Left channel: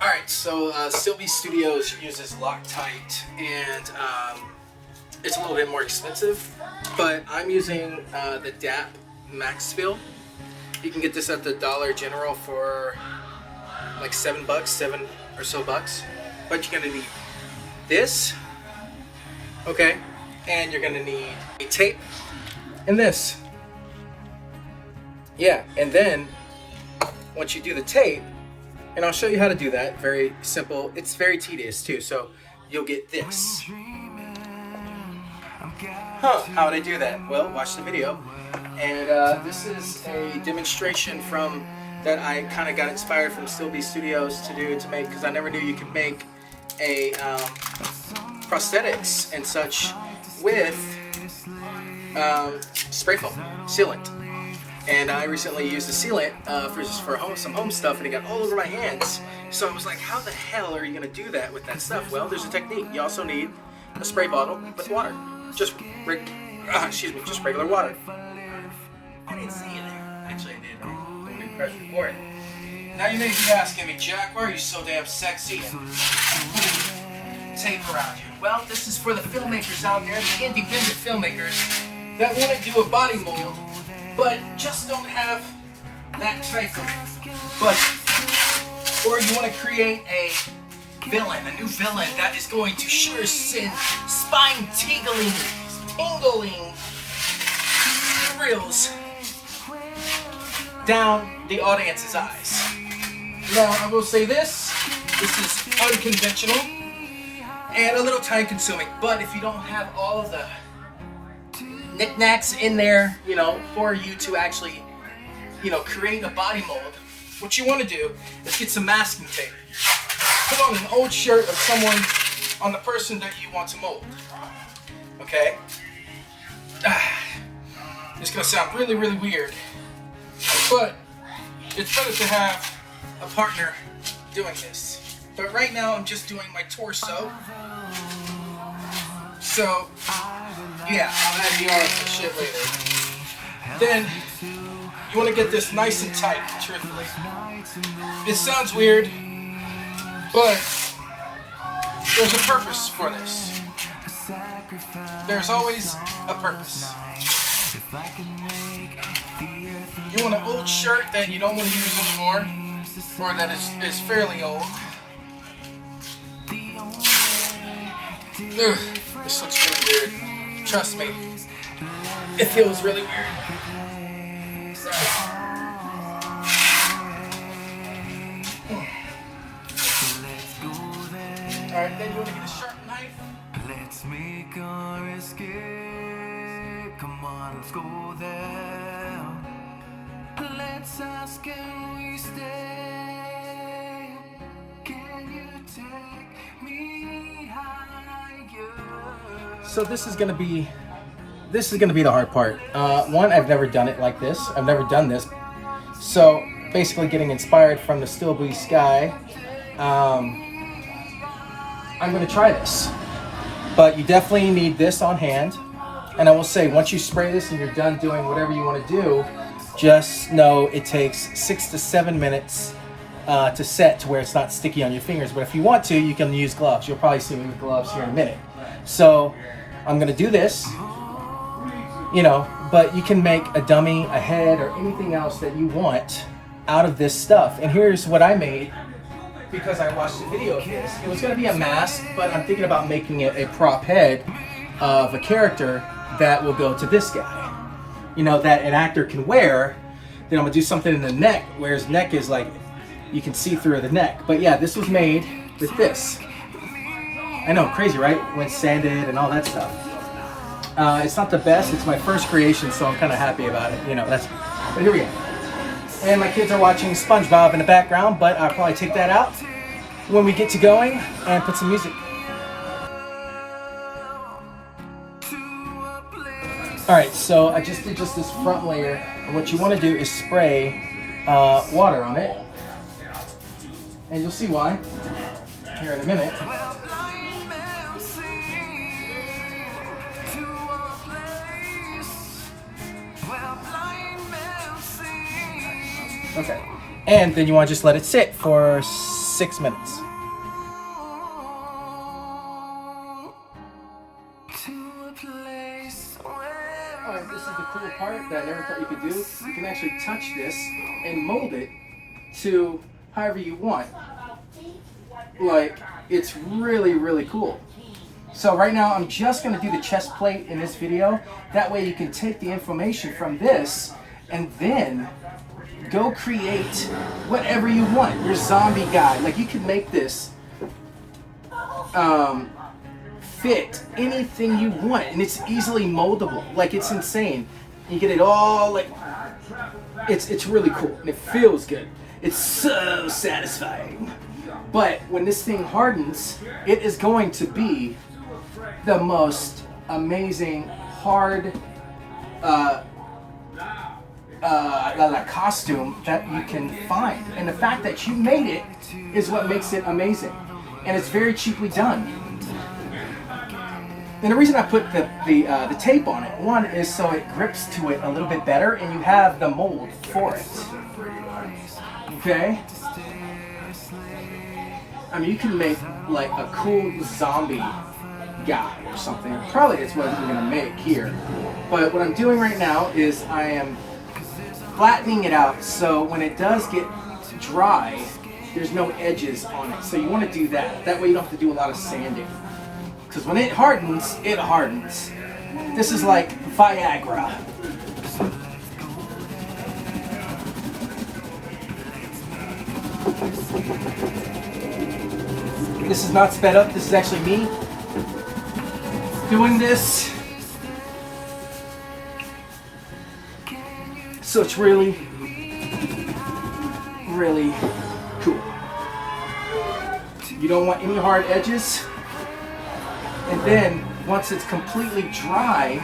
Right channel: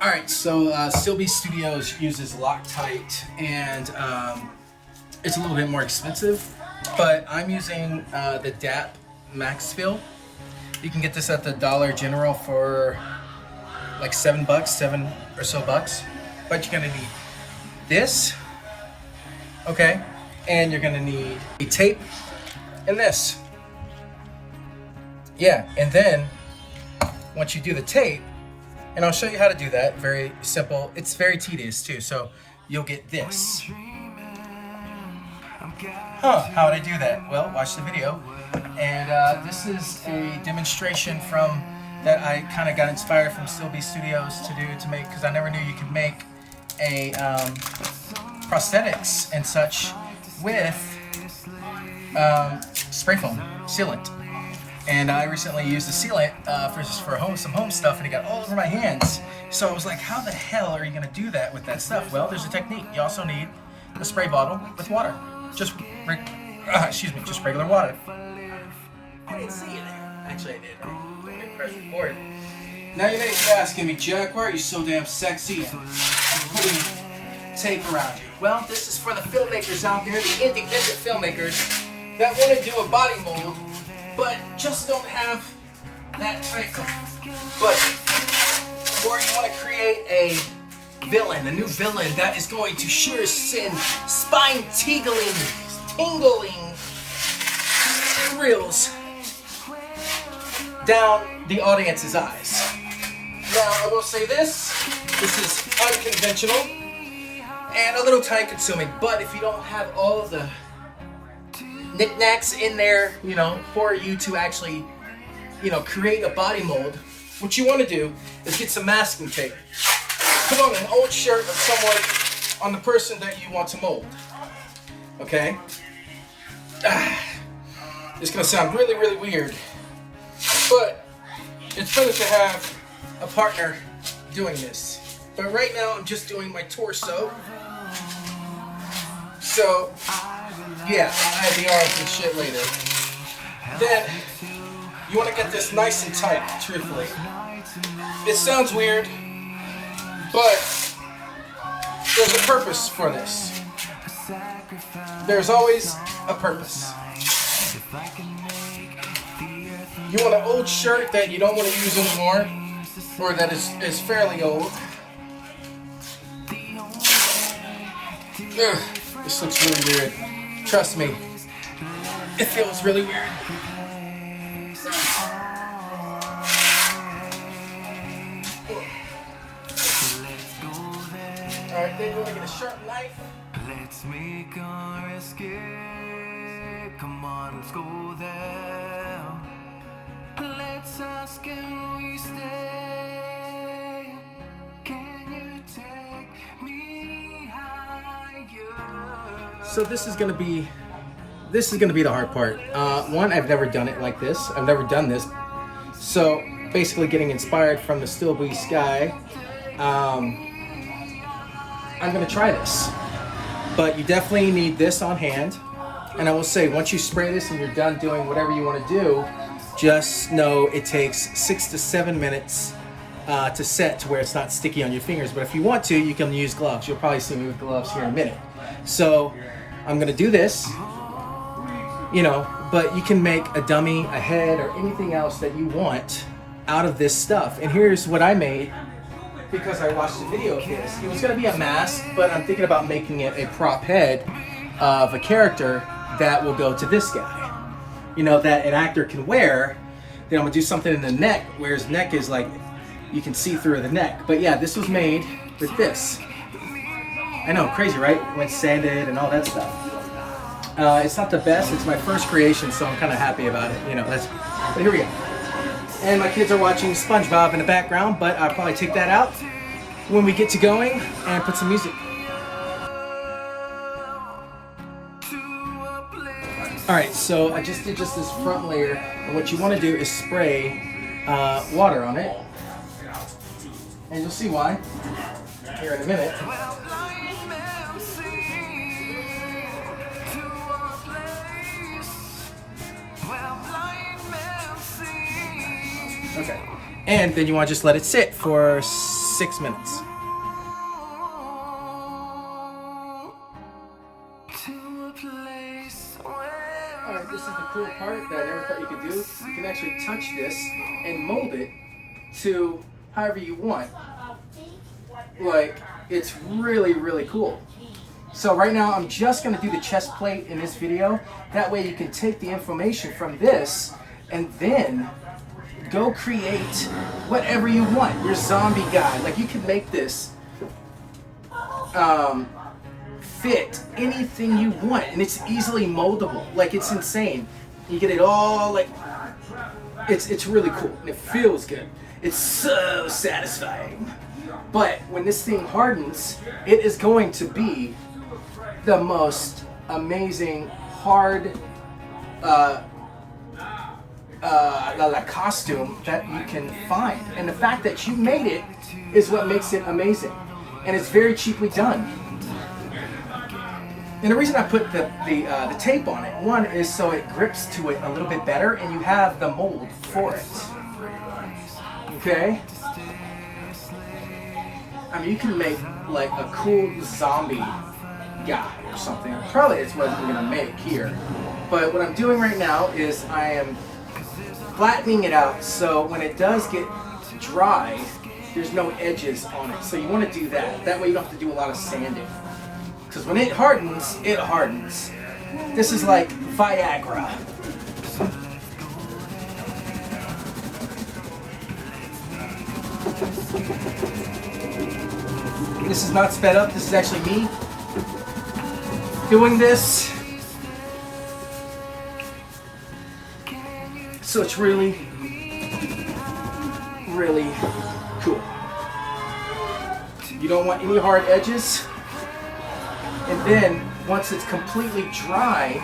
All right, so StiltBeastStudios uses Loctite, and it's a little bit more expensive, but I'm using the DAP Max Fill. You can get this at the Dollar General for like $7, 7 or so bucks. But you're gonna need this, okay? And you're gonna need a tape and this. Yeah, and then once you do the tape, and I'll show you how to do that, very simple. It's very tedious too, so you'll get this. How would I do that? Well, watch the video. And this is a demonstration from that I kind of got inspired from StiltBeastStudios to make, because I never knew you could make a prosthetics and such with spray foam sealant. And I recently used the sealant for some home stuff, and it got all over my hands. So I was like, how the hell are you gonna do that with that stuff? Well, there's a technique. You also need a spray bottle with water. Just regular water. I didn't see you there. Actually, I did. Let me press record. Now you may be asking me, Jack, why are you so damn sexy and putting tape around you? Well, this is for the filmmakers out there, the independent filmmakers that want to do a body mold, but just don't have that type of budget. Or you want to create a villain, a new villain that is going to sure send spine-tingling thrills down the audience's eyes. Now, I will say this is unconventional and a little time consuming, but if you don't have all of the knickknacks in there, for you to actually, create a body mold, what you want to do is get some masking tape. Put on an old shirt of someone, on the person that you want to mold. Okay? It's gonna sound really, really weird, but it's better to have a partner doing this. But right now I'm just doing my torso. So, yeah, I'll add the arms and shit later. Then, you want to get this nice and tight, truthfully. It sounds weird, but there's a purpose for this. There's always a purpose. You want an old shirt that you don't want to use anymore, or that is fairly old. Ugh, this looks really weird. Trust me, it feels really weird. Alright, then you want to get a sharp knife. Let's make our escape. Come on, let's go there. Let's ask, can we stay? Can you take me higher? So this is gonna be the hard part. One, I've never done it like this. I've never done this. So basically, getting inspired from the StiltBeast guy, I'm gonna try this. But you definitely need this on hand. And I will say, once you spray this and you're done doing whatever you want to do, just know it takes 6 to 7 minutes to set to where it's not sticky on your fingers. But if you want to, you can use gloves. You'll probably see me with gloves here in a minute. So I'm gonna do this, but you can make a dummy, a head, or anything else that you want out of this stuff. And here's what I made, because I watched the video of this. It was gonna be a mask, but I'm thinking about making it a prop head of a character that will go to this guy. That an actor can wear. Then I'm gonna do something in the neck, where his neck is like, you can see through the neck. But yeah, this was made with this. I know, crazy, right? When sanded and all that stuff. It's not the best, it's my first creation, so I'm kind of happy about it. But here we go. And my kids are watching SpongeBob in the background, but I'll probably take that out when we get to going and put some music. Alright, so I just did this front layer, and what you want to do is spray water on it. And you'll see why here in a minute. Okay, and then you want to just let it sit for 6 minutes. This is the cool part that I never thought you could do. You can actually touch this and mold it to however you want. Like, it's really, really cool. So right now I'm just gonna do the chest plate in this video. That way you can take the information from this and then go create whatever you want. Your zombie guy. Like, you can make this fit anything you want, and it's easily moldable. Like, it's insane. You get it all, like, it's really cool, and it feels good. It's so satisfying. But when this thing hardens, it is going to be the most amazing hard costume that you can find. And the fact that you made it is what makes it amazing. And it's very cheaply done. And the reason I put the tape on it, one is so it grips to it a little bit better and you have the mold for it. Okay? I mean, you can make like a cool zombie guy or something. Probably it's what we're gonna make here. But what I'm doing right now is I am flattening it out so when it does get dry, there's no edges on it. So you want to do that. That way you don't have to do a lot of sanding. Because when it hardens, it hardens. This is like Viagra. This is not sped up. This is actually me doing this. So it's really, really cool. You don't want any hard edges. And then, once it's completely dry,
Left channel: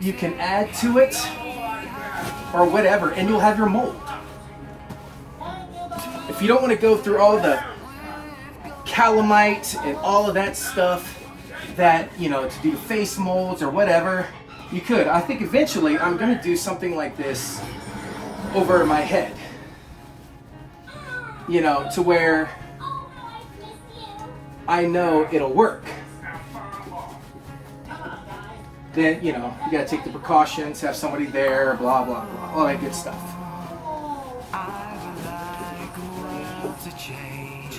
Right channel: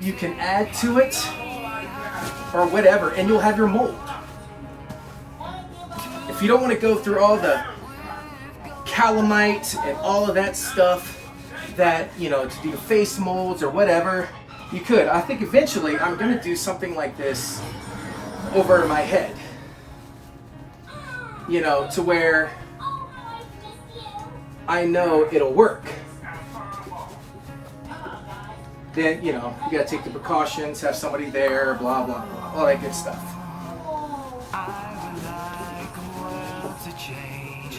you can add to it or whatever, and you'll have your mold. If you don't want to go through all the calamite and all of that stuff that, you know, to do the face molds or whatever, you could. I think eventually I'm going to do something like this over my head. You know, to where I know it'll work. Then, you know, you gotta take the precautions, have somebody there, blah, blah, blah, all that good stuff.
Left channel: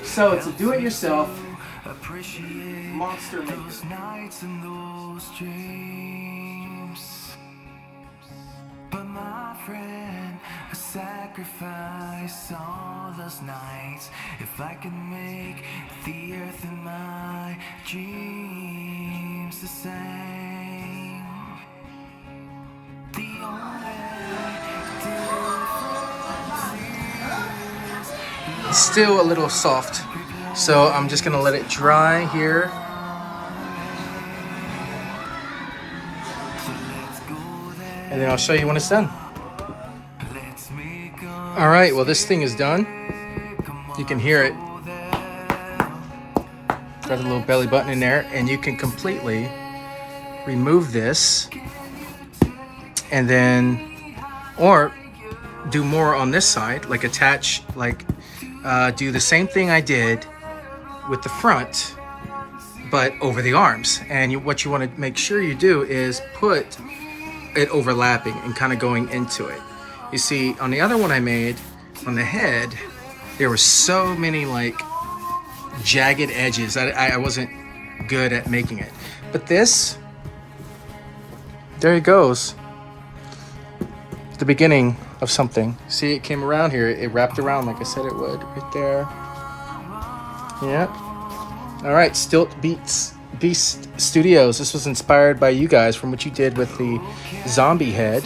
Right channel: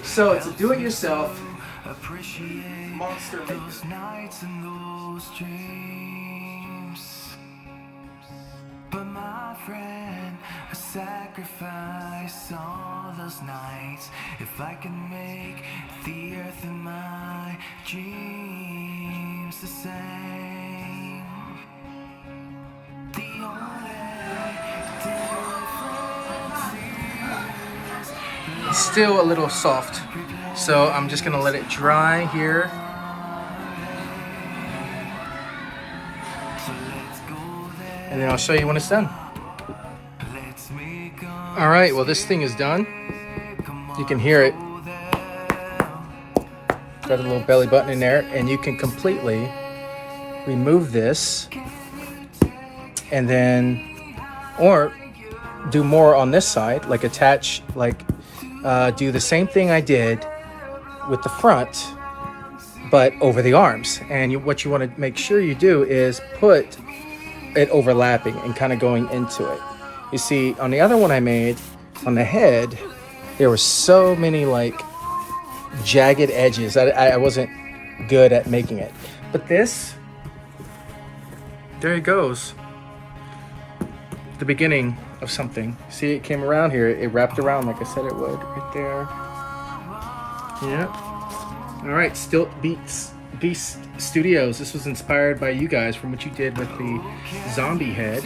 So it's a do-it-yourself monster maker. But my friend, I sacrifice all those nights if I can make the earth and my dreams the same. The only difference is it's still a little soft, so I'm just gonna let it dry here. And then I'll show you when it's done. All right, well, this thing is done. You can hear it. Got a little belly button in there, and you can completely remove this and then, or do more on this side, like attach, like do the same thing I did with the front, but over the arms. And what you want to make sure you do is put it overlapping and kind of going into it. You see, on the other one I made on the head, there were so many like jagged edges. I wasn't good at making it. But this, there it goes. The beginning of something. See, it came around here. It wrapped around like I said it would, right there. Yep. All right, StiltBeastStudios. This was inspired by you guys from what you did with the zombie head.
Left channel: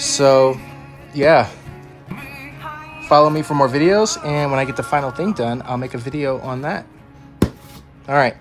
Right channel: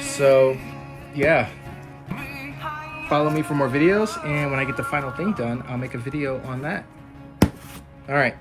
So, yeah. Follow me for more videos, and when I get the final thing done, I'll make a video on that. All right.